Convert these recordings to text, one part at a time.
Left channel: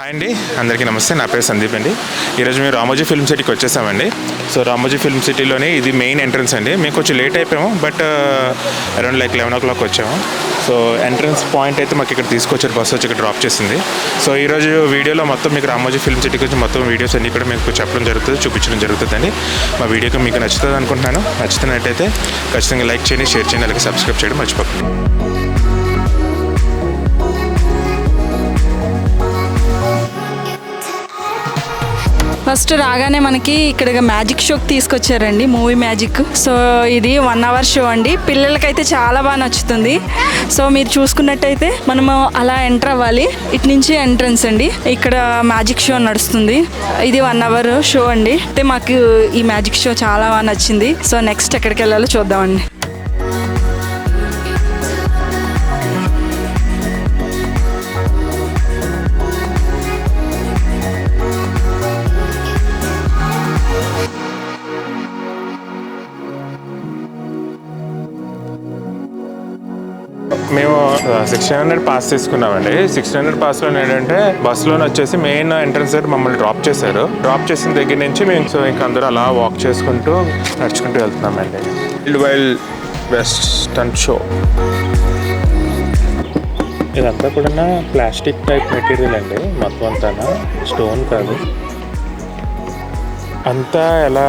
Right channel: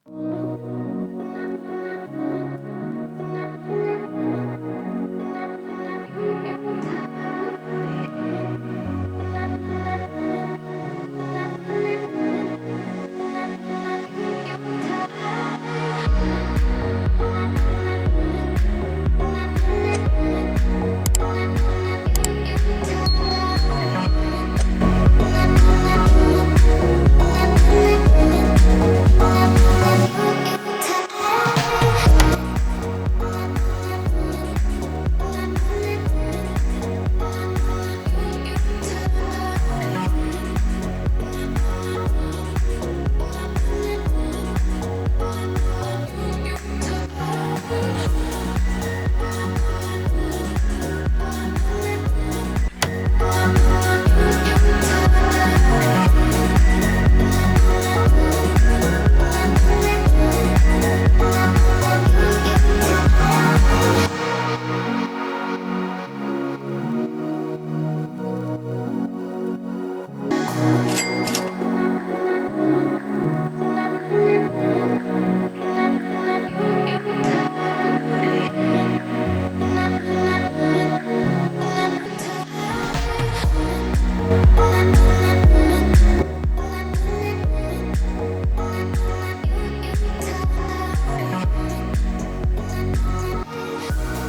Hi అండి, అందరికీ నమస్తే. నా పేరు సందీప్ అండి. ఈరోజు మేము రామోజీ ఫిల్మ్ సిటీకి వచ్చేసామండి. సో రామోజీ ఫిల్మ్ సిటీలోనే ఇది మెయిన్ ఎంట్రన్స్ అండి. మేము కొంచెం లేట్ అయిపోయాము, బట్ అరౌండ్ 11 o'clock వచ్చాము. సో ఎంట్రన్స్ పాయింట్ అయితే మాకు ఇక్కడ తీసుకొచ్చారు, బస్సు వచ్చి ఇక్కడ డ్రాప్ చేసింది. సో ఈరోజు వీడియోలో మొత్తం మీకు రామోజీ ఫిల్మ్ సిటీకి వచ్చి మొత్తం వీడియోస్ అన్నీ కూడా మీకు చెప్పడం జరుగుతుంది, చూపించడం జరుగుతుందండి. మా వీడియోకి మీకు నచ్చుతుంది అనుకుంటున్నాను. నచ్చుతున్నట్టయితే ఖచ్చితంగా లైక్ చేయండి, షేర్ చేయండి, అలాగే సబ్స్క్రైబ్ చేయడం మర్చిపోకండి. ఫస్ట్ రాగానే మనకి ఇక్కడ మ్యాజిక్ షోకి తీసుకొచ్చారండి, మూవీ మ్యాజిక్. సో ఇది 1 hour షో అండి. పిల్లలకైతే చాలా బాగా నచ్చుతుంది. సో మీరు చూసుకున్నట్టయితే మనము అలా ఎంటర్ అవ్వాలి. ఇటు నుంచి ఎంట్రన్స్ అండి. ఇక్కడ మ్యాజిక్ షో నడుస్తుంది. ఇది 1 hour షో అండి. అయితే మాకు ఈ మ్యాజిక్ షో చాలా బాగా నచ్చింది. సో నెక్స్ట్ ఎక్కడికి వెళ్ళాలో చూద్దామండి. మేము 1600 పాస్ తీసుకున్నామండి. 1600 పాస్లో ఏంటంటే బస్సులోనే వచ్చేసి మెయిన్ ఎంట్రన్స్ దగ్గర మమ్మల్ని డ్రాప్ చేశారు. డ్రాప్ చేసిన దగ్గర నుంచి మేము ఇంక అందరూ అలా వాక్ చేసుకుంటూ నడుచుకుంటూ వెళ్తున్నామండి. వైల్డ్ వెస్టర్న్ షో ఇదంతా కూడా ప్లాస్టిక్ టైప్ మెటీరియల్ అండి. మొత్తం అంతా స్టోన్ కాదు. అంతా ఎలా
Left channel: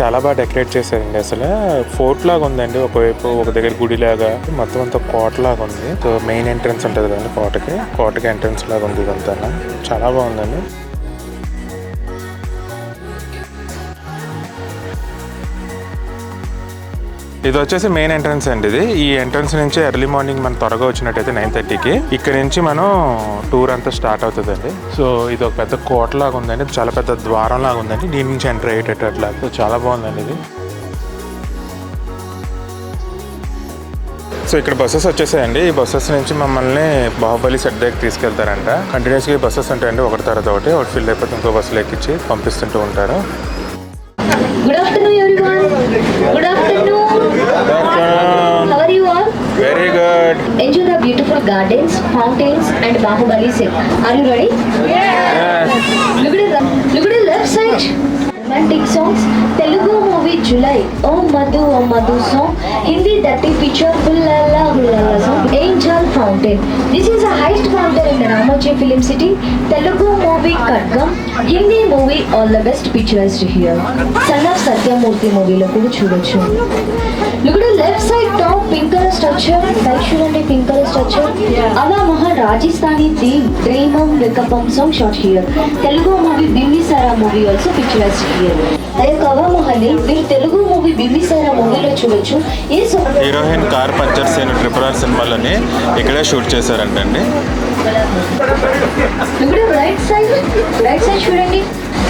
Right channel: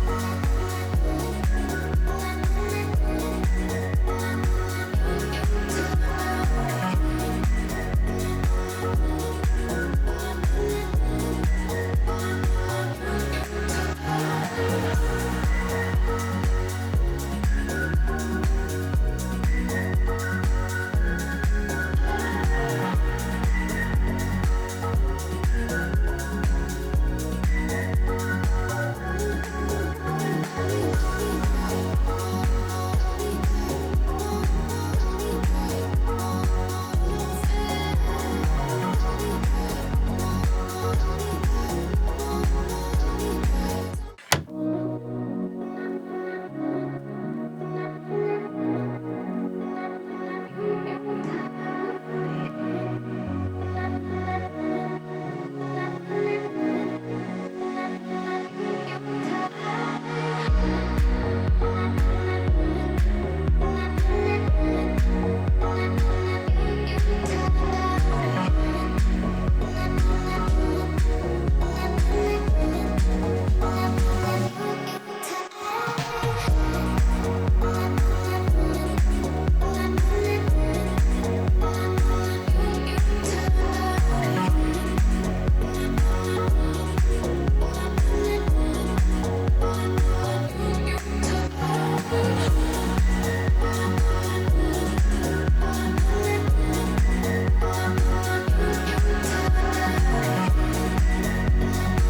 చాలా బాగా డెకరేట్ చేశారండి. అసలు ఫోర్ట్ లాగా ఉందండి. ఒకవైపు ఒక దగ్గర గుడి లాగా, మొత్తం అంతా కోట లాగా ఉంది. సో మెయిన్ ఎంట్రన్స్ ఉంటుంది కదండి కోటకి ఎంట్రన్స్ లాగా ఉంది. ఇదంతా చాలా బాగుందండి. ఇది వచ్చేసి మెయిన్ ఎంట్రన్స్ అండి. ఈ ఎంట్రన్స్ నుంచి ఎర్లీ మార్నింగ్ మనం త్వరగా వచ్చినట్టయితే 9:30కి ఇక్కడ నుంచి మనం టూర్ అంతా స్టార్ట్ అవుతుందండి. సో ఇది ఒక పెద్ద కోట లాగా ఉందండి, చాలా పెద్ద ద్వారం లాగా ఉందండి. దీని నుంచి ఎంటర్ అయ్యేటట్టు అట్లా. సో చాలా బాగుందండి ఇది. సో ఇక్కడ బస్సెస్ వచ్చేసాయండి. ఈ బస్సెస్ నుంచి మమ్మల్ని బాహుబలి సెట్ దగ్గర తీసుకెళ్తారంట. కంటిన్యూస్గా బస్సెస్ ఉంటాయండి, ఒకటి తర్వాత ఒకటి ఫిల్ అయిపోతే ఇంకో బస్సులు ఎక్కించి పంపిస్తుంటూ ఉంటారు. Good afternoon, everyone. Good afternoon. How are you all? Very good. Enjoy the beautiful gardens, fountains, and Bahubali set. Are you ready? Yes. Look at the left side. Romantic songs. Telugu movie July. Oh Madhu song. Hindi dirty picture Hullala song. Angel Fountain. This is the highest fountain in the Ramoji Film City. Telugu movie Kadgam. Hindi movie All the Best Pictures here. Son of Satyamurthy movie lo kuda chudochu. Look at the left side top pink color structure. Actually pink color structure. Ala Mahan Rajasthani theme Dreamam Vikapam song shot here. Telugu movie Bimbisara movie also picturized here. అదే కవా మహల్ని మీరు Telugu movie Bimbisara మూవీలో చూడొచ్చు. ఈ heroine car puncture scene RRR సినిమాలని ఇక్కడే shoot చేశారంటండి. ఇప్పుడు right side చూడండి,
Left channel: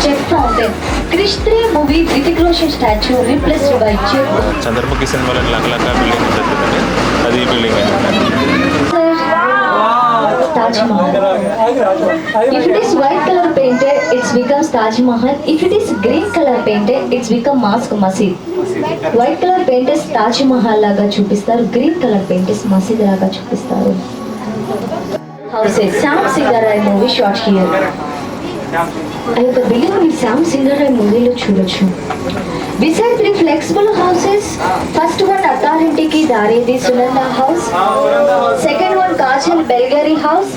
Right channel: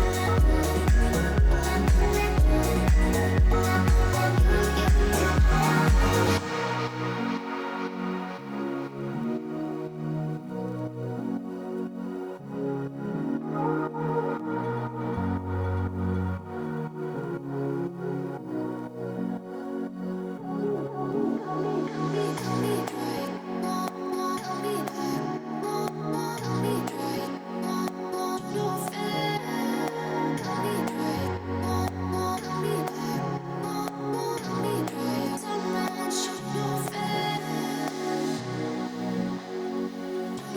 check fountain. Krrish 3 movie Hrithik Roshan statue replaced by check. Chandramukhi సినిమాలని లంగలంగా బిల్డింగ్ జరుగుతుంది, అది ఈ బిల్డింగ్ అండి. Taj Mahal. If it is white color painted, it becomes Taj Mahal. If it is green color painted, it's become Mosque Masjid. White color painted Taj Mahal laga చూపిస్తారు, green color painted Masjid laga చూపిస్తారు. Houses. Sam Singarai movie shot here. I have the building with Sam Singarai movie lo చూడొచ్చు. Beside 3 flexible houses, first one Authority ki Daredi Sulanda house, second one Kajal Belgari house,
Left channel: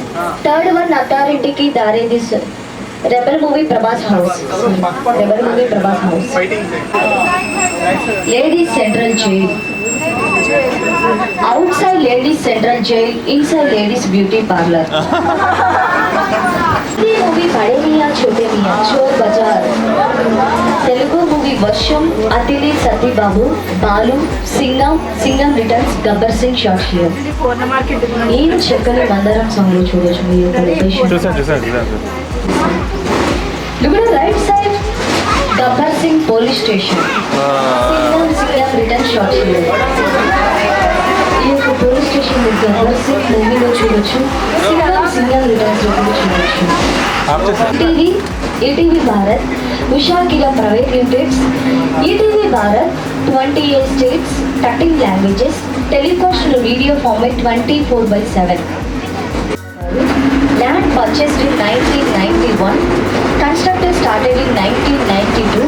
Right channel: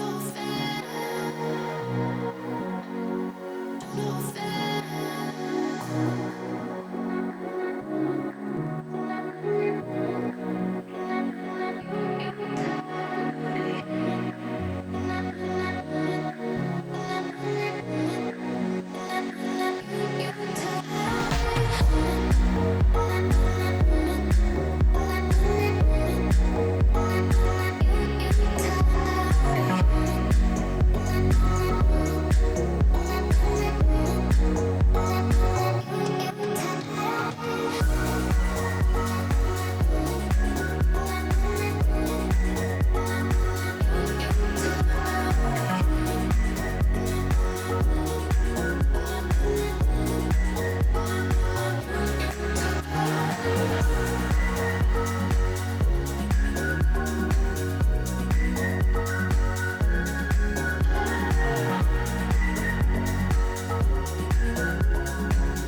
third one Authority ki Daredi Rebel movie Prabhas house. Ladies Central Jail. Outside Ladies Central Jail, inside Ladies Beauty Parlor. Hindi movie Bade Miyan Chote Miyan, Chor Bazaar. Telugu movie Varsham, Athili Satibabu, Balu, Singham Returns, Gabbar Singh shot here. నేను చెక్కలు మందరం song లో చూడొచ్చు మీరు location. Look at the right side, Gabbar Singh police station. Singham Returns shot here. ఈ యొక్క police station Gabbar Singh మూవీలో చూడొచ్చు, Singham Returns లో కూడా చూడొచ్చు. ETV Bharat, Usha Kila Private Limited, ETV Bharat, 28 states, 13 languages, telecast video format 24/7. Land purchased in 1991. Constructed started in 1992.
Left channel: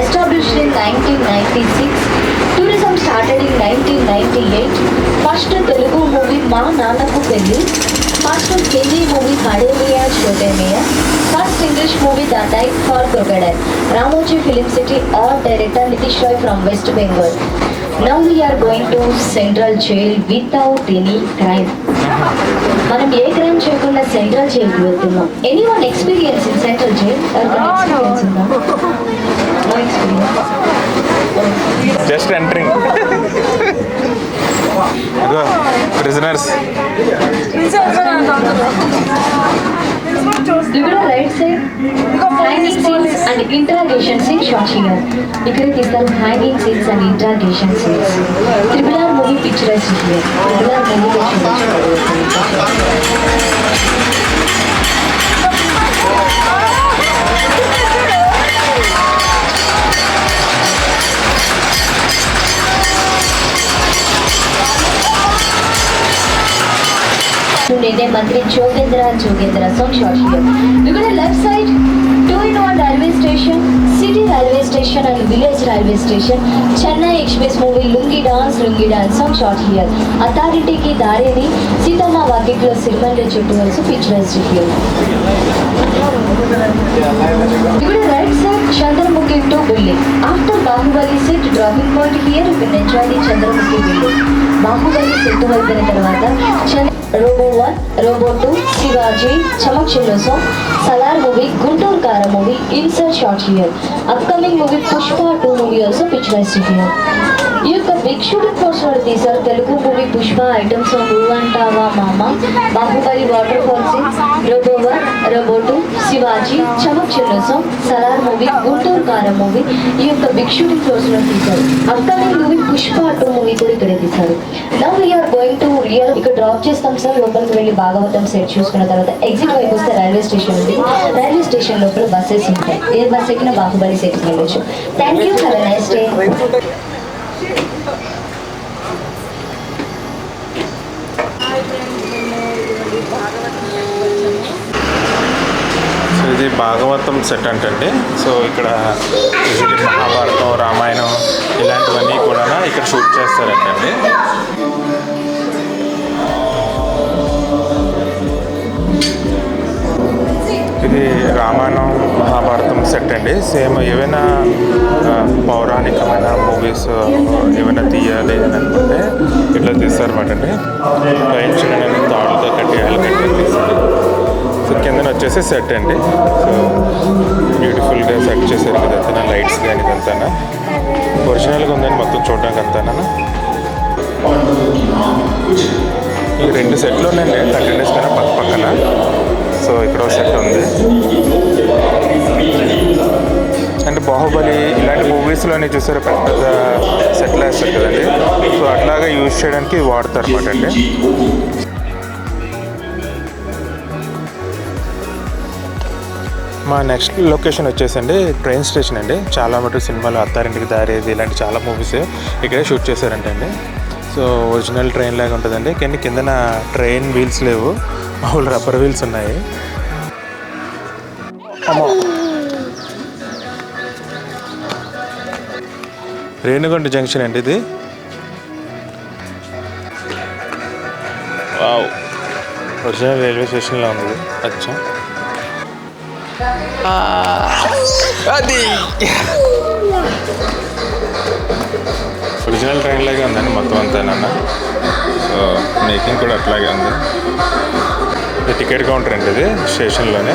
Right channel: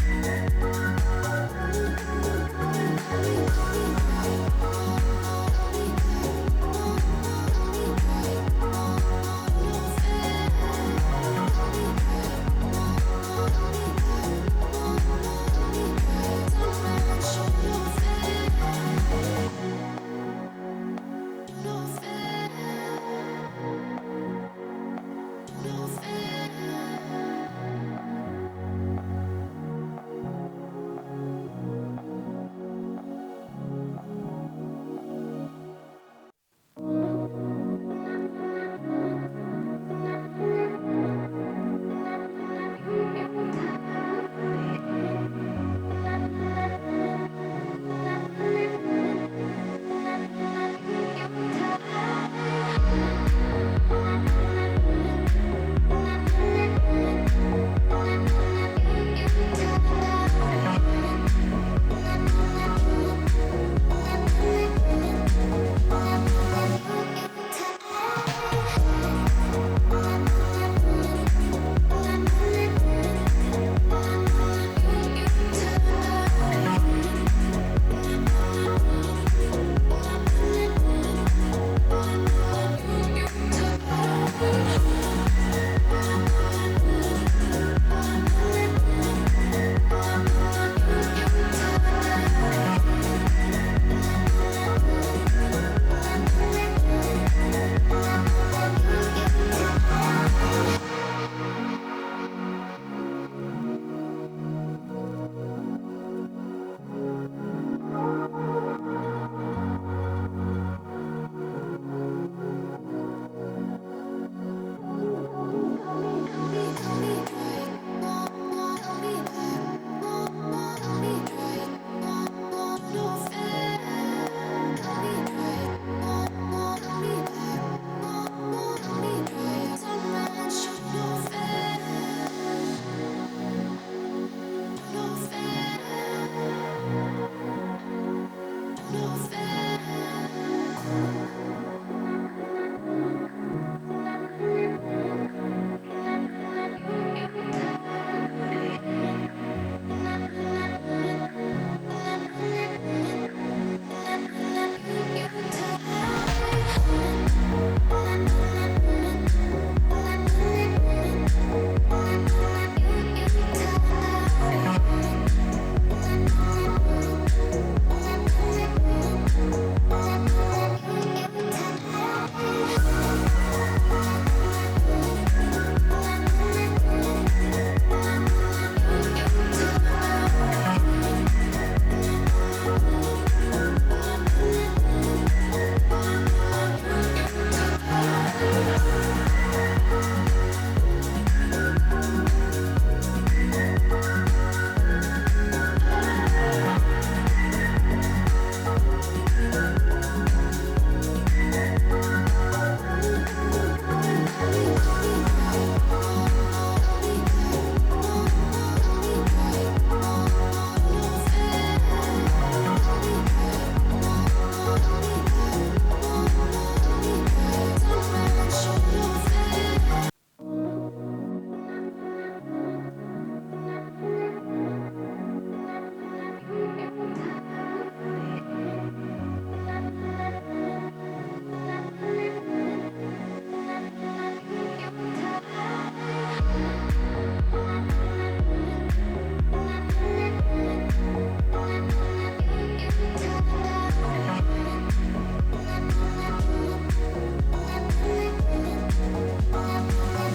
Established in 1996. Tourism started in 1998. First Telugu movie Ma Nanaku Pelli. First Hindi movie Bade Miyan Chote Miyan. First English movie The Night for Crocodile. Ramoji Film City, art director Nitish Roy from West Bengal. Now we are going to Central Jail without any crime. మనం ఏ crime చేయకుండా central జైలుకి వెళ్తున్నాం. Anyone experience in central jail? Experience ఉందా? No experience. Just entering. Prisoners. Look at the right side. Hanging scenes and interrogation scenes shot here. ఇక్కడ తీస్తారు hanging scenes and interrogation scenes. Triple R movie picturized here. Triple R movie Nene Mantri Jogendra song shot here. Look at the left side. 2-in-1 railway station, city railway station and village railway station. Chennai Express movie Lungi Dance song shot here. Authority ki Dareni Sitama Vakiklo Sirmanja Chuttu also picturized here. Look at the right side. Chandramukhi to building. After Bahubali set dropping point here, you can enjoy the Chandramukhi building. Bahubali set అయిపోయిన తర్వాత Robo 1, Robo 2, Shivaji, Chamak Chillo song, Salar movie, Guntur Kara movie, insert shot here. Upcoming movie Pushpa 2 movie also picturized here. ఈ యొక్క big shooting force వాడు తీశారు Telugu movie Pushpa item song Antava Mama, Baahubali waterfall scenes, Robo 1, Robo 2, Sivaji, Chamak చిన్న song, Salaar movie, Guntur కారం movie ఈ యొక్క big shooting force లో తీశారు. అప్కమింగ్ మూవీ పుష్ప 2 మూవీ కూడా ఇక్కడే తీశారు. Now we are going to real ఇక్కడ డ్రాప్ చేస్తాం సార్. లోపలికి వెళ్ళి భాగవతం సెట్ చూసుకున్న తర్వాత ఎగ్జిట్ వైపు వస్తే రైల్వే స్టేషన్ ఉంది. రైల్వే స్టేషన్ లోపల బస్సెస్ ఉంటాయి. ఏ బస్ ఎక్కిన బాహుబలి సెట్కి వెళ్ళొచ్చు. Thank you, have a nice day. ఇది భాగవతం సెట్ అంటే సో ఇక్కడ మహాభారతం, రామాయణం ఇలాంటివన్నీ కూడా ఇక్కడ షూట్ చేస్తారంటండి. ఇది రామాయణం మహాభారతం సెట్ అండి. సేమ్ ఏవైనా పౌరాణికమైన మూవీస్ ఏమైనా తీయాలి అని అనుకుంటే ఇట్లా తీస్తారన్నమాట అండి. రైల్ చిన్న తాడుతో కట్టి తీస్తారు. సో కిందన వచ్చేసి సెట్ అండి. సో బ్యూటిఫుల్గా సెట్ చేశారు ఇదంతా, లైట్స్ కానీ ఇదంతా ఒరిజినల్గా ఉందని మొత్తం చూడడానికి అంతా. ఈ 2 సెట్లు ఉన్నాయండి కంటిన్యూస్ కానీ పక్క పక్కన. సో ఇక్కడ ఒక సెట్ ఉంది. అండ్ బాహుబలి ఇలాంటి మూవీస్లోనే చూసారు పెద్ద పెద్ద సెట్లు వేస్తారు కదండి. సో అట్లాగా యూజ్ చేయడానికి వాడతారు అనమాట అండి. మా నెక్స్ట్ లొకేషన్ వచ్చేసండి ట్రైన్ స్టేషన్ అండి. చాలా మటుకు సినిమాలు అత్తారింటికి దారేది ఇలాంటి చాలా మూవీస్ ఇక్కడే షూట్ చేశారంటండి. సో ఒరిజినల్ ట్రైన్ లాగా ఉంటుందండి. కానీ కిందన ట్రైన్ వీల్స్ లేవు, మామూలు రబ్బర్ వీల్స్ ఉన్నాయి. రేణుగుంట జంక్షన్ అండి ఇది. వావ్, ఒరిజినల్ రైల్వే స్టేషన్లో ఉంది. అచ్చా అది ఒరిజినల్ ట్రైన్ లాగే ఉందండి మొత్తం అంతానన్నా. సో మేకింగ్ కూడా అట్లాగే ఉంది. ఇది టికెట్ కౌంటర్ అండి ఇది స్టేషన్లోనే.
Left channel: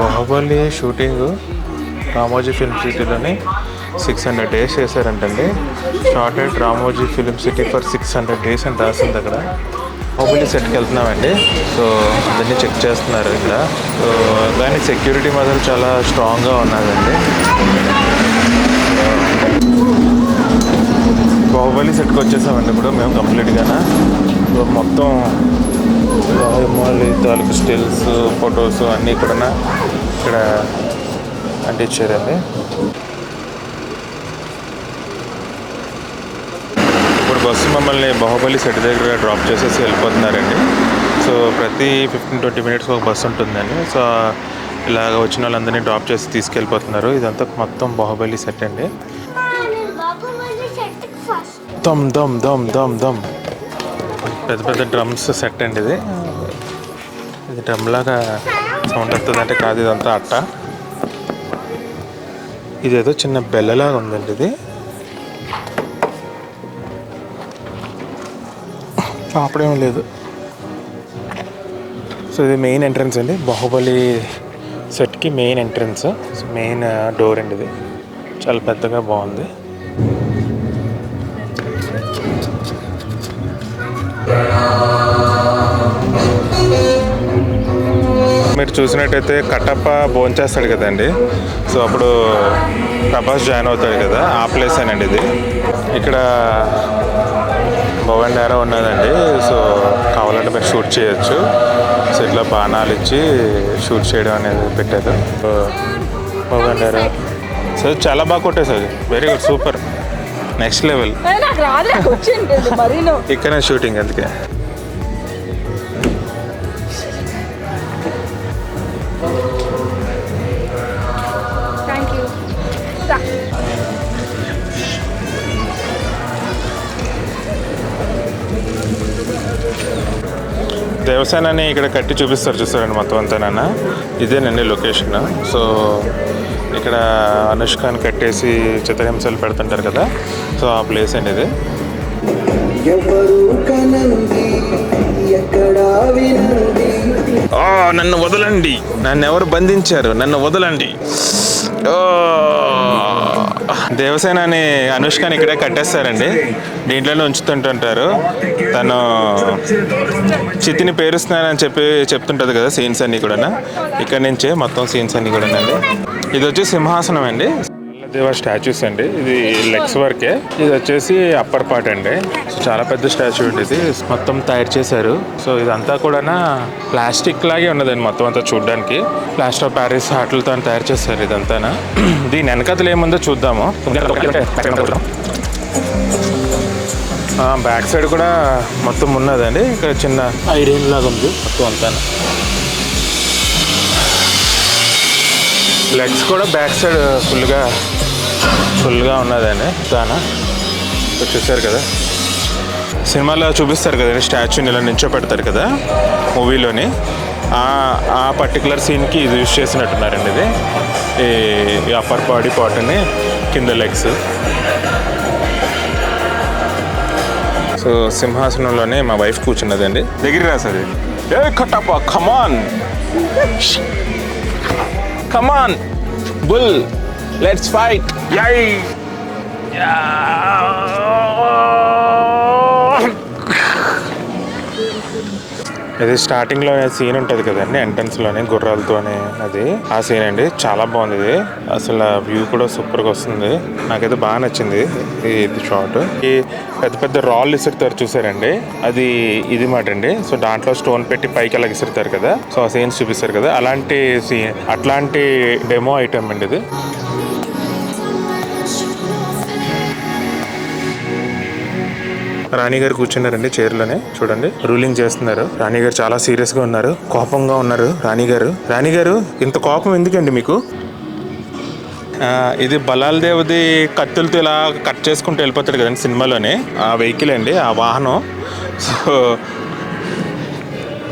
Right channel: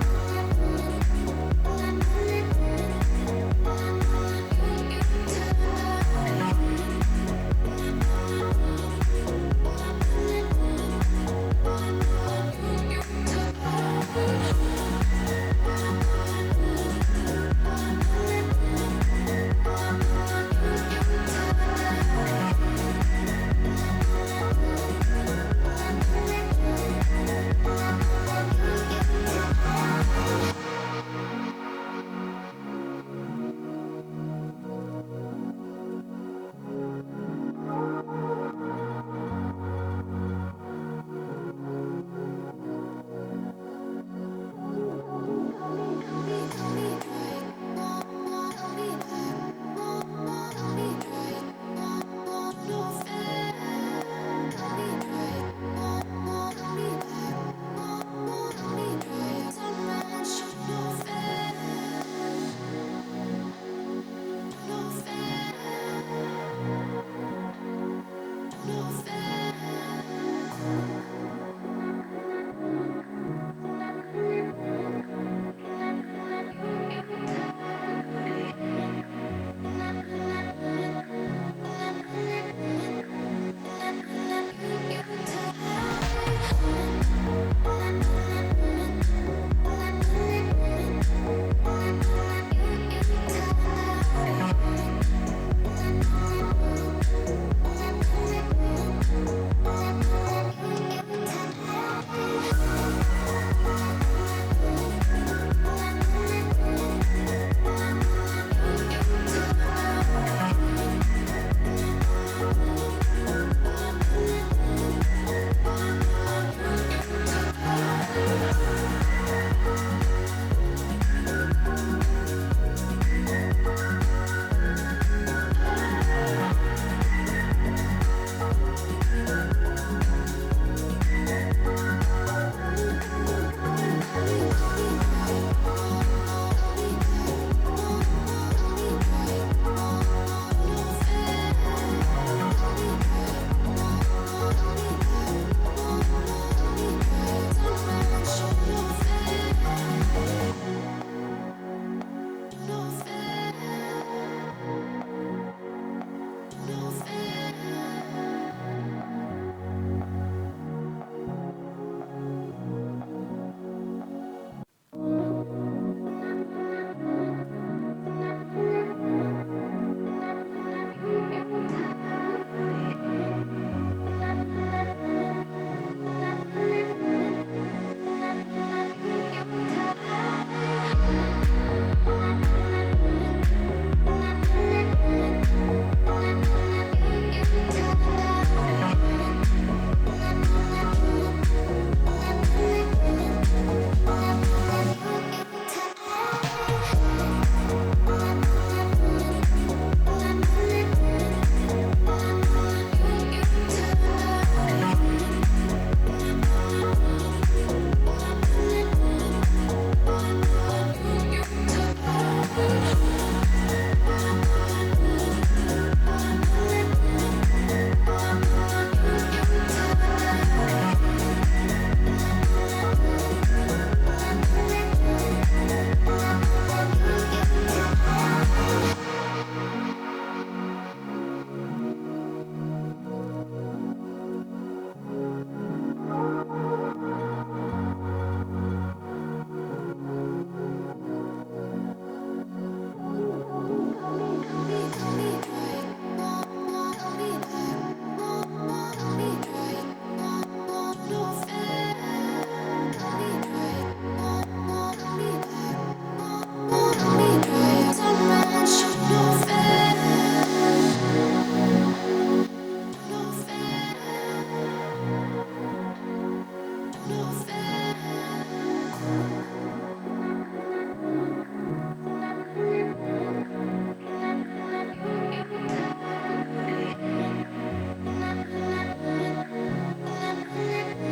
బాహుబలి షూటింగ్ రామోజీ ఫిల్మ్ సిటీలోని 600 days చేశారంటండి. Shorted Ramoji film city for 600 days అని రాసింది అక్కడ. బాహుబలి సెట్కి వెళ్తున్నామండి. సో దాన్ని చెక్ చేస్తున్నారు ఇక్కడ. సో దాని సెక్యూరిటీ మాత్రం చాలా స్ట్రాంగ్గా ఉన్నదండి. బాహుబలి సెట్కి వచ్చేసామండి ఇప్పుడు మేము కంప్లీట్గా. సో మొత్తం తాలూకు స్టిల్స్, ఫొటోస్ అన్నీ కూడా ఇక్కడ అంటించారండి. ఇప్పుడు బస్సు మమ్మల్ని బాహుబలి సెట్ దగ్గర డ్రాప్ చేసేసి వెళ్ళిపోతున్నారండి. సో ప్రతి 15-20 మినిట్స్ ఒక బస్సు ఉంటుందండి. సో ఇలాగ వచ్చిన వాళ్ళందరినీ డ్రాప్ చేసి తీసుకెళ్ళిపోతున్నారు. ఇదంతా మొత్తం బాహుబలి సెట్ అండి. దమ్ దమ్ దమ్ దమ్ దమ్ పెద్ద పెద్ద డ్రమ్స్ సెట్ అండి. ఇది డ్రమ్ లాగా సౌండ్ వస్తుంది అంటే కాదు, ఇదంతా అట్ట. ఇదేదో చిన్న బెల్లలాగా ఉందండి. ఇది అప్పుడేం లేదు. సో ఇది మెయిన్ ఎంట్రన్స్ అండి, బాహుబలి సెట్కి మెయిన్ ఎంట్రన్స్, మెయిన్ డోర్ అండి. ఇది చాలా పెద్దగా బాగుంది. మీరు చూసినట్టయితే కట్టప్ప భోంచేస్తాడు కదండి. సో అప్పుడు ప్రభాస్ జాయిన్ అవుతాడు కదా, ఆ ప్లేస్ అనండి ఇది. ఇక్కడ బోగండారా ఉన్నదండి. సో కావాలంటే మీరు షూట్ చేయొచ్చు. సో ఇట్లా బాణాలు ఇచ్చి షూట్ చేయడం అనేది పెట్టారు. సో బోగండారా సో చాలా బాగా కొట్టేసారు. Very good, super, next level. ఇక్కడనే షూటింగ్ అందుకే. దేవసేనని ఇక్కడ కట్టి చూపిస్తారు, చూస్తారండి మొత్తం అంతానన్నా. ఇదేనండి లొకేషన్. సో ఇక్కడ అనుష్కని కట్టేసి చిత్రహింసలు పెడుతుంటారు కదా, సో ఆ ప్లేస్ అండి ఇది. నన్ను వదలండి, నన్ను ఎవరు బంధించారు, నన్ను వదలండి. దేవసేనని అనుష్కని ఇక్కడే కట్టేస్తారండి. దీంట్లోనే ఉంచుతుంటుంటారు. తను చితిని పేరుస్తున్నానని చెప్తుంటుంది కదా, సీన్స్ అన్నీ కూడా ఇక్కడ నుంచే మొత్తం సీన్స్ అన్నీ కూడా అండి. ఇది వచ్చి సింహాసనం అండి, దేవ స్టాచ్యూస్ అండి. ఇది లెగ్స్ వరకే. ఇది వచ్చేసి అప్పర్ పార్ట్ అండి. సో చాలా పెద్ద స్టాచ్యూ అండి. ఇది మొత్తం తయారు చేశారు. సో ఇదంతా కూడా ప్లాస్టిక్ లాగే ఉన్నదండి మొత్తం అంతా చూడడానికి. ప్లాస్టర్ ఆఫ్ ప్యారిస్ ఆటలతో తయారు చేశారు ఇదంతా. దీని వెనకతలు ఏముందో చూద్దాము. బ్యాక్ సైడ్ కూడా మొత్తం ఉన్నదండి. ఇక్కడ చిన్న ఐరన్ లాగా ఉంది మొత్తం అంతా. లెగ్స్ కూడా బ్యాక్ సైడ్ ఫుల్గా ఉన్నదండి. దానా చూసారు కదా, సినిమాలో చూపిస్తారు కదండి, స్టాచ్యూని ఇలా నిల్చోపెడతారు కదా మూవీలోని. ఆ పర్టికులర్ సీన్కి ఇది యూజ్ చేసినట్టున్నారండి. ఇది ఈ అప్పర్ బాడీ పార్ట్ని, కింద లెగ్స్. సో సింహాసనంలోనే మా వైఫ్ కూర్చున్నదండి. దగ్గర రాసది, ఏ కట్టప్ప కమాన్ కమాన్ బుల్, లెట్స్ ఫైట్. యై ఇది స్టార్టింగ్లో సీన్ ఉంటుంది కదండి, ఎంట్రన్స్లోనే గుర్రాలతోనే, అది ఆ సీన్ అండి. చాలా బాగుంది ఇది. అసలు వ్యూ కూడా సూపర్గా వస్తుంది. నాకైతే బాగా నచ్చింది ఇది షాట్. ఈ పెద్ద పెద్ద రాళ్ళు ఇసురుతారు చూసారండి, అది ఇది మాట అండి. సో దాంట్లో స్టోన్ పెట్టి పైకి అలా ఇసురుతారు కదా, సో ఆ సీన్స్ చూపిస్తారు కదా, అట్లాంటి డెమో ఐటమ్ అండి ఇది. రాణి గారు కూర్చున్నారండి చైర్లోనే, చూడండి రూలింగ్ చేస్తున్నారు. రాణి గారు చాలా సీరియస్గా ఉన్నారు, కోపంగా ఉన్నారు. రాణి గారు ఇంత కోపం ఎందుకండి మీకు? ఇది బలాల్ దేవది కత్తులతో ఇలా కట్ చేసుకుంటూ వెళ్ళిపోతాడు కదండి సినిమాలోనే, ఆ వెహికల్ అండి, ఆ వాహనం. సో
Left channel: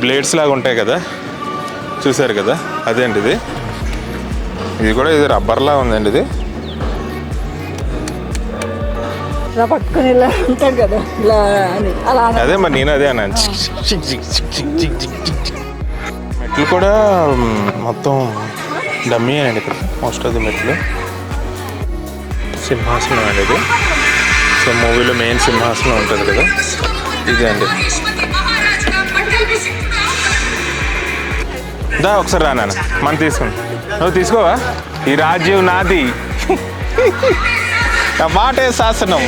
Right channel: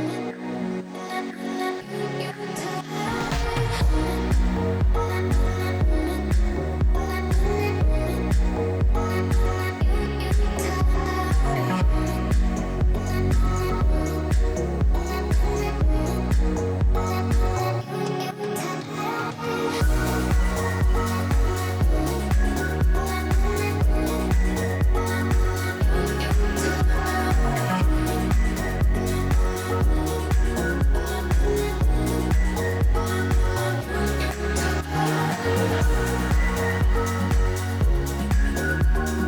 బ్లేడ్స్ లాగా ఉంటాయి కదా, చూసారు కదా, అదే అండి ఇది. ఇది కూడా ఇది రబ్బర్లా ఉందండి. ఇది పట్టుకుని ఇలా ఉంటాడు కదా, ఇలా అలా. అదే మరి నేను అదే అన్నాను. మెట్లు కూడా మొత్తం డమ్మీ అండి ఇక్కడ, మోస్ట్ ఆఫ్ ది మెట్లు. సింహాసనం అండి ఇది. సో మూవీలో మెయిన్ సింహాసనం ఉంటుంది కదా, ఇదే అండి. దా ఒకసారి రానా, మనం తీసుకుని నువ్వు తీసుకోవా? ఈ రాజ్యం నాది, నా మాటే శాసనం.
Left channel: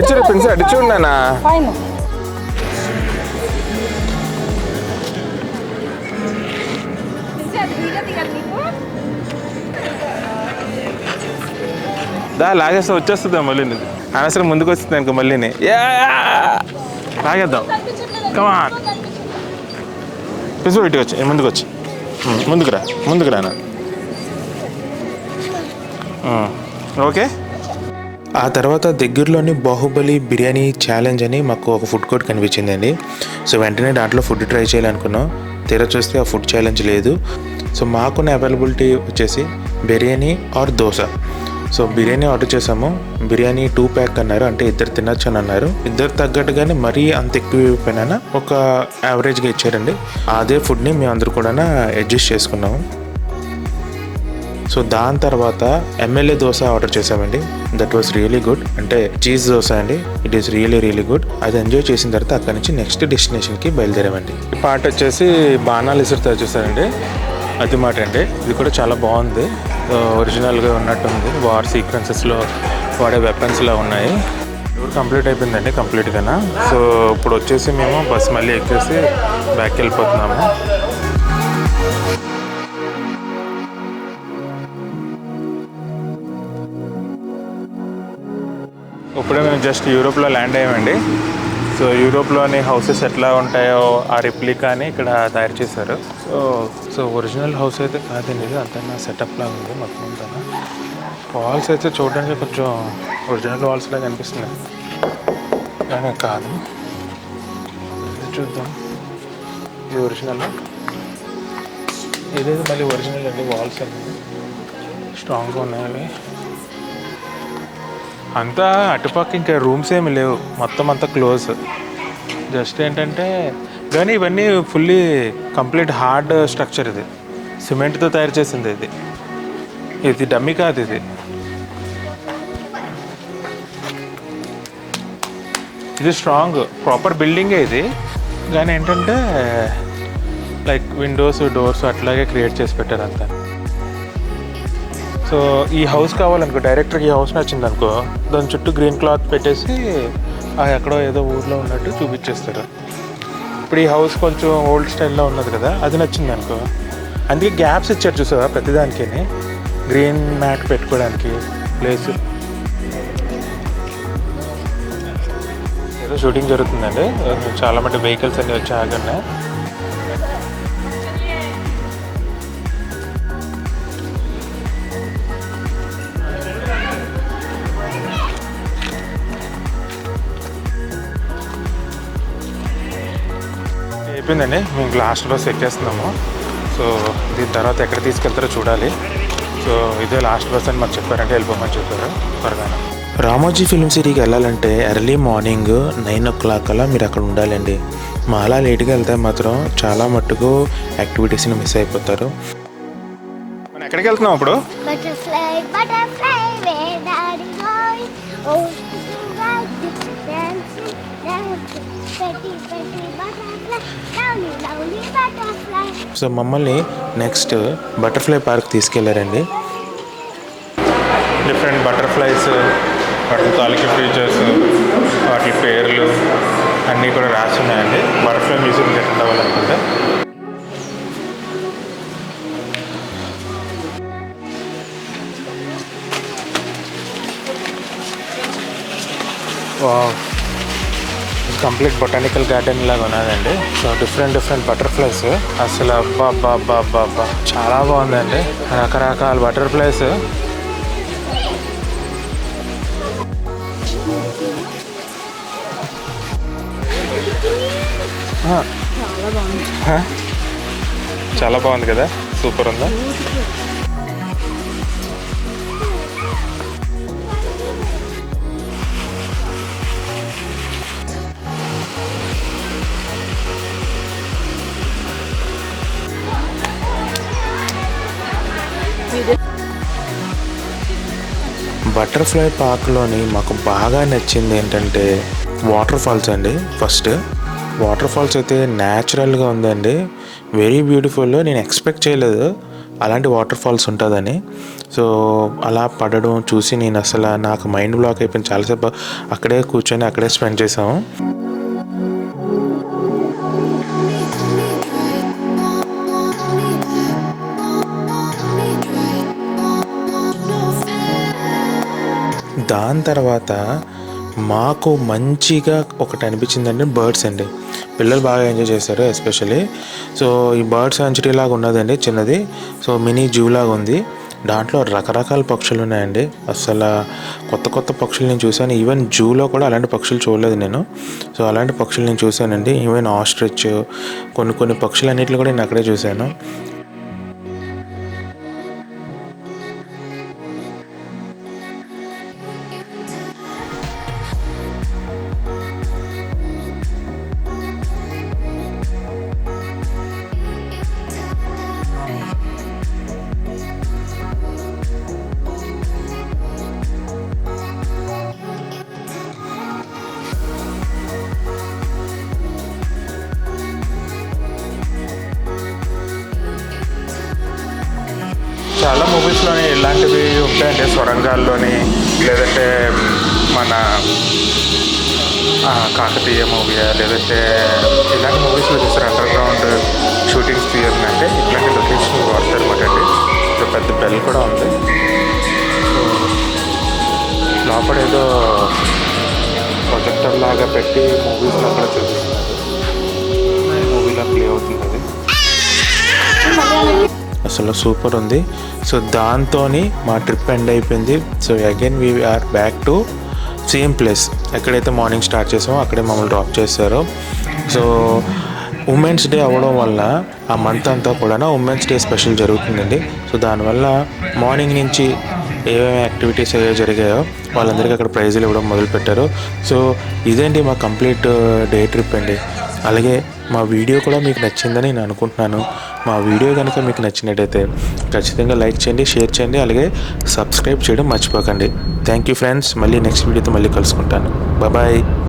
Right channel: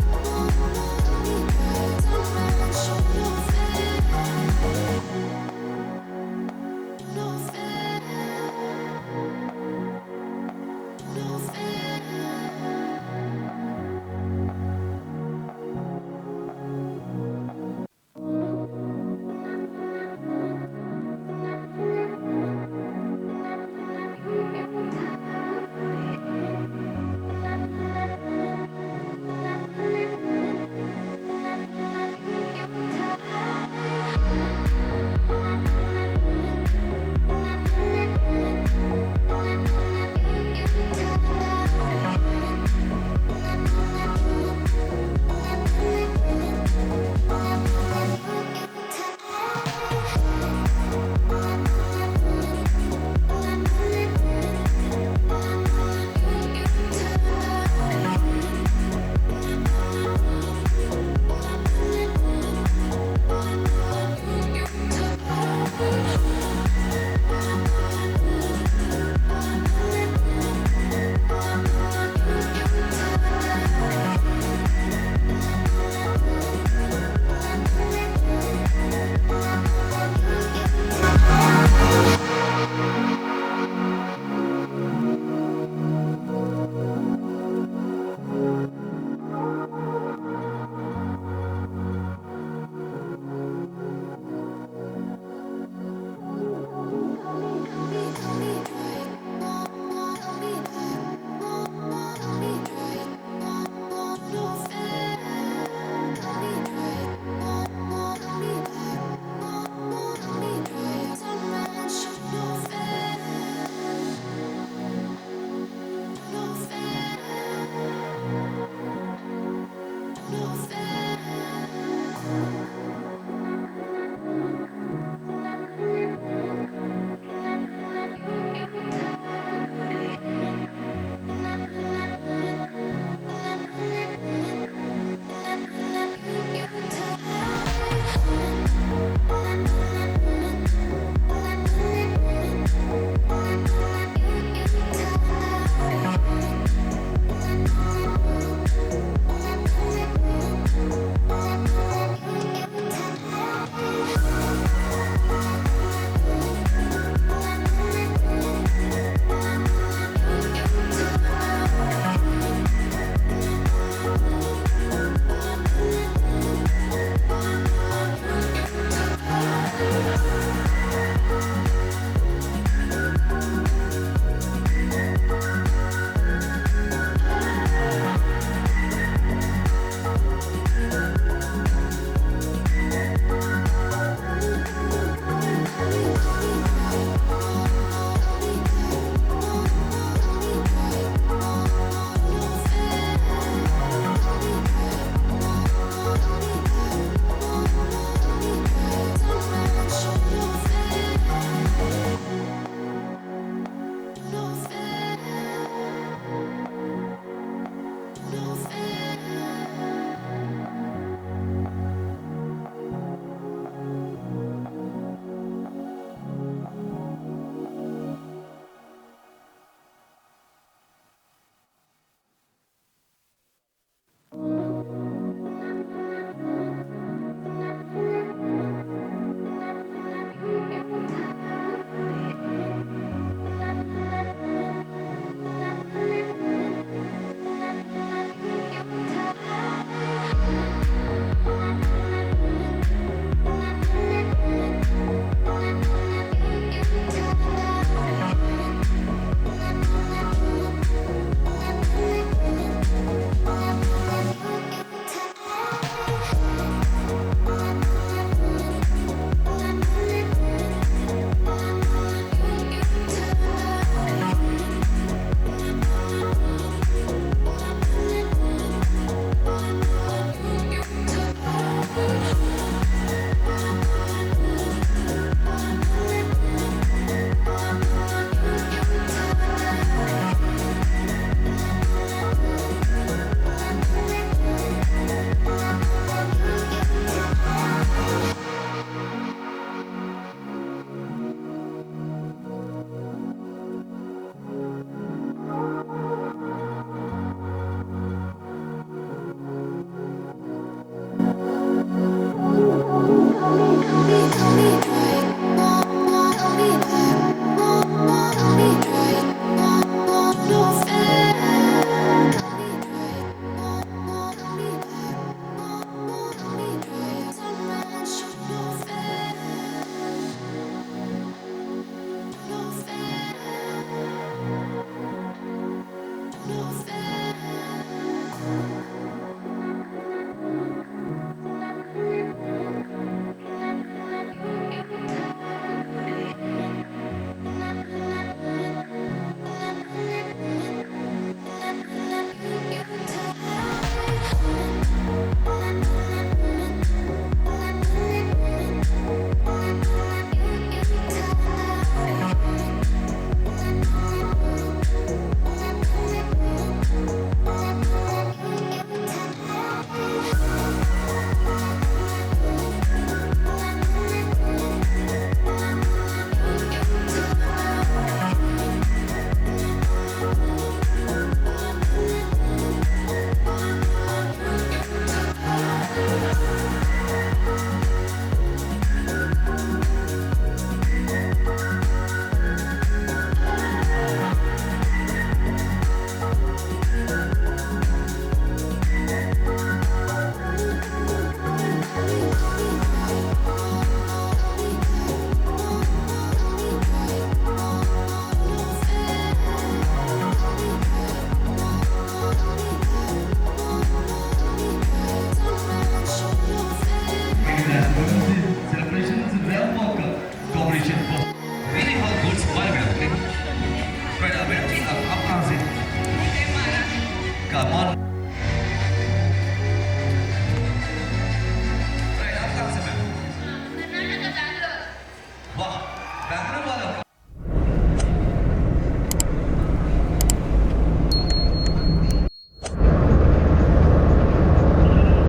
ఇచ్చిన ప్రిన్స్ అటు చూడనా దా లాగేస్తే వచ్చేస్తుందా మళ్ళీ అనవసరం ముందుకు వస్తుంది అనుకో మళ్ళీని లాగేద్దాం కమాన్ పిసు ఇటు వచ్చి ముందుకు వచ్చి ముందుకు రానా ఓకే. ఆ తర్వాత దగ్గరలోని బాహుబలి బిర్యానీ ఛాలెంజ్ అని మాకు ఒక ఫుడ్ కోర్ట్ కనిపించిందండి. సో వెంటనే దాంట్లో ఫుడ్ ట్రై చేయాలనుకున్నాం. తీరా చూస్తే ఆ ఫుడ్ ఛాలెంజ్ లేదు. సో మాకున్న అవైలబిలిటీ వచ్చేసి biryani or dosa. So biryani order చేసాము. బిర్యానీ 2 ప్యాక్ అన్నారు, అంటే ఇద్దరు తినచ్చు అని అన్నారు. ఇద్దరు తగ్గట్టుగానే మరీ అంత ఎక్కువ అయిపోయినా ఒక యావరేజ్గా ఇచ్చారండి. అదే ఫుడ్ని మేము అందరూ కూడా అడ్జస్ట్ చేసుకున్నాము. సో దాని తర్వాత ఎమ్మెల్యే దోశ ఆర్డర్ చేసామండి. That was really good. అంటే చీజ్ దోశ అండి. It is really good. అది ఎంజాయ్ చేసిన తర్వాత అక్కడి నుంచి నెక్స్ట్ డెస్టినేషన్కి బయలుదేరామండి. ఈ పాట వచ్చేసి బాణాలు ఇసురుతో చూసారండి. అది మాట అండి. ఇది కూడా చాలా బాగుంది. ఒరిజినల్గా ఉన్నట్టుంది. వార్ సీక్వెన్సెస్లో వాడే వెపన్స్లో ఉన్నాయి. కంప్లీట్ అయిపోయిందండి కంప్లీట్గా. సో ఇప్పుడు వచ్చేసి మేము బస్ మళ్ళీ ఎక్కేసి బ్యాక్ వెళ్ళిపోతున్నాము. ఇప్పుడే మేము జస్ట్ యూరోప్లో ల్యాండ్ అయ్యామండి. సో యూరోప్లోని హౌసెస్ ఎట్లా ఉంటాయో ఆ రిప్లికాని ఇక్కడ తయారు చేశారు. సో ఒరిజినల్ హౌస్ అయితే కాదండి, ఇది అంతా సెటప్లా ఉంది మొత్తం అంతా. వాల్స్ అయితే చూడడానికి కొంచెం ఒరిజినల్ వాల్స్ లాగా అనిపిస్తుంది, కానీ కాదు. చూద్దాం, ఇది ఒరిజినల్. ఇదేది మళ్ళీ ఒరిజినల్ అండి. వాల్స్ అన్నీ స్ట్రాంగ్గా ఉన్నాయి. అంతా అటుపక్క ఇంకా రూమ్స్ ఏమి లేవు, మొత్తం అంతా క్లోజ్. జస్ట్ ఏంటంటే కానీ ఇవన్నీ ఫుల్లీ కంప్లీట్ హార్డ్ స్ట్రక్చర్. ఇది సిమెంట్తో తయారు చేసింది. ఇది డమ్మీ కాదు, ఇది స్ట్రాంగ్ ప్రాపర్ బిల్డింగే ఇది. కానీ ఏంటంటే లైక్ విండోస్ డోర్స్ అట్లాగే క్రియేట్ చేసి పెట్టారు అంతా. సో ఈ హౌస్ కావాలనుకో, డైరెక్టర్కి ఈ హౌస్ నచ్చింది అనుకో, దాని చుట్టూ గ్రీన్ క్లాత్ పెట్టేసి ఎక్కడో ఏదో ఊళ్ళో ఉన్నట్టు చూపించేస్తారు. ఇప్పుడు ఈ హౌస్ కొంచెం ఓల్డ్ స్టైల్లో ఉన్నది కదా, అది నచ్చింది అనుకో. అందుకే గ్యాప్స్ ఇచ్చారు చూసారా ప్రతిదానికి, గ్రీన్ మ్యాట్ పెట్టుకోవడానికి ప్లేస్. ఏదో షూటింగ్ జరుగుతుందండి, చాలా మంది వెహికల్స్ అన్నీ వచ్చి ఆగండి. అయిపోయిందండి, మేము లాస్ట్ బస్ ఎక్కేస్తున్నాము. సో దీని తర్వాత ఎక్కడ తీసుకెళ్తారో చూడాలి. సో ఇదే లాస్ట్ బస్ అని మాకు చెప్పారంటే వెళ్ళిపోమని చెప్పారు త్వరగా. రామోజీ ఫిల్మ్ సిటీకి వెళ్ళాలంటే ఎర్లీ మార్నింగ్ 9 o'clock అలా మీరు అక్కడ ఉండాలండి. మా అలా లేట్గా వెళ్తే మాత్రం చాలా మట్టుకు యాక్టివిటీస్ని మిస్ అయిపోతారు. మనం ఎక్కడికి వెళ్తున్నాం ఇప్పుడు? సో మమ్మల్ని నెక్స్ట్ బటర్ఫ్లై పార్క్ తీసుకెళ్లారండి. డిఫరెంట్ బటర్ఫ్లైస్, వాటి తాలూకు ఫీచర్స్, వాటి పేర్లు అన్నీ కూడా రాసి ఉన్నాయండి. బటర్ఫ్లై మ్యూజియం అటెండ్ అవ్వాలనుకుంటే. కంప్లీట్ బొటానికల్ గార్డెన్ లాగా ఉన్నదండి. సో డిఫరెంట్ బటర్ఫ్లైస్, అసలు అబ్బా చాలా బాగుందండి. రకరకాల బటర్ఫ్లైస్. చాలా బాగుంది కదా, సూపర్ ఉందా. బటర్ఫ్లై పార్క్లోని మాకు బాగా నచ్చింది ఏంటంటే వాటర్ ఫాల్స్ అండి. ఫస్ట్ వాటర్ ఫాల్స్ అయితే న్యాచురల్గా ఉందండి, వెరీ బ్యూటిఫుల్. నేను ఎక్స్పెక్ట్ చేయలేదు అలాంటి వాటర్ ఫాల్స్ ఉంటుందని. సో అలా పడడం చూసి నేను అసలు నాకు మైండ్ బ్లాక్ అయిపోయింది. చాలాసేపు అక్కడే కూర్చొని అక్కడే స్పెండ్ చేసాము. దాని తర్వాత మాకు మంచిగా ఒకటి అనిపించిందంటే బర్డ్స్ అండి. పిల్లలు బాగా ఎంజాయ్ చేశారు ఎస్పెషల్లీ. సో ఈ బర్డ్ సాంచురీ లాగా ఉన్నదండి చిన్నది. సో మినీ జూ లాగా ఉంది. దాంట్లో రకరకాల పక్షులు ఉన్నాయండి. అసలు కొత్త కొత్త పక్షులు నేను చూశాను. ఈవెన్ జూలో కూడా అలాంటి పక్షులు చూడలేదు నేను. సో అలాంటి పక్షులు నేను చూశానండి. ఈవెన్ ఆస్ట్రిచ్ కొన్ని పక్షులు అన్నింటిని కూడా నేను అక్కడే చూశాను. చాలా మూవీస్లోని ఇలాంటివి ఉంటాయండి. సొరంగాల్లోని లేదంటే మన కాకతీయ మూవీ లేదంటే ఇలాంటి మూవీస్లో చూస్తారు అండర్ గ్రౌండ్ షూటింగ్స్ తీయాలి అంటే ఇట్లాంటి లొకేషన్ వాడతారు అనమాట అండి. సో పెద్ద బెల్ కూడా ఉంది. లోపల ఏదో ప్రొజెక్టర్ లాగా పెట్టి మూవీస్ అక్కడ చూపిస్తున్నారు. మూవీలో ప్లే అవుతుంది. అసలు సూపర్ ఉంది. సో దాంతో మా ట్రిప్ ఎండ్ అయిపోయింది. So again we are back to same place. ఎక్కడైతే మార్నింగ్ స్టార్ట్ చేసామో అక్కడే మమ్మల్ని డ్రాప్ చేశారు. సో ఉమెన్స్ డే అవ్వడం వల్ల ఆ మంత్ అంతా కూడా ఉమెన్స్ డే స్పెషల్ జరుగుతుందండి. సో దానివల్ల మార్నింగ్ నుంచి ఏమేమి యాక్టివిటీస్ ఏవో జరిగాయో వాళ్ళందరికీ అక్కడ ప్రైజులు ఇవ్వడం మొదలుపెట్టారు. సో ఇదేంటి మా కంప్లీట్ డే ట్రిప్ అండి. అలాగే మా వీడియో కూడా మీకు నచ్చిందని నేను అనుకుంటున్నాను. మా వీడియో కనుక మీకు నచ్చినట్టయితే ఖచ్చితంగా లైక్ చేయండి, షేర్ చేయండి, అలాగే సబ్స్క్రైబ్ చేయడం మర్చిపోకండి. Thank you friends. మళ్ళీ నెక్స్ట్ వీడియోతో మళ్ళీ కలుసుకుంటాను. బాయ్.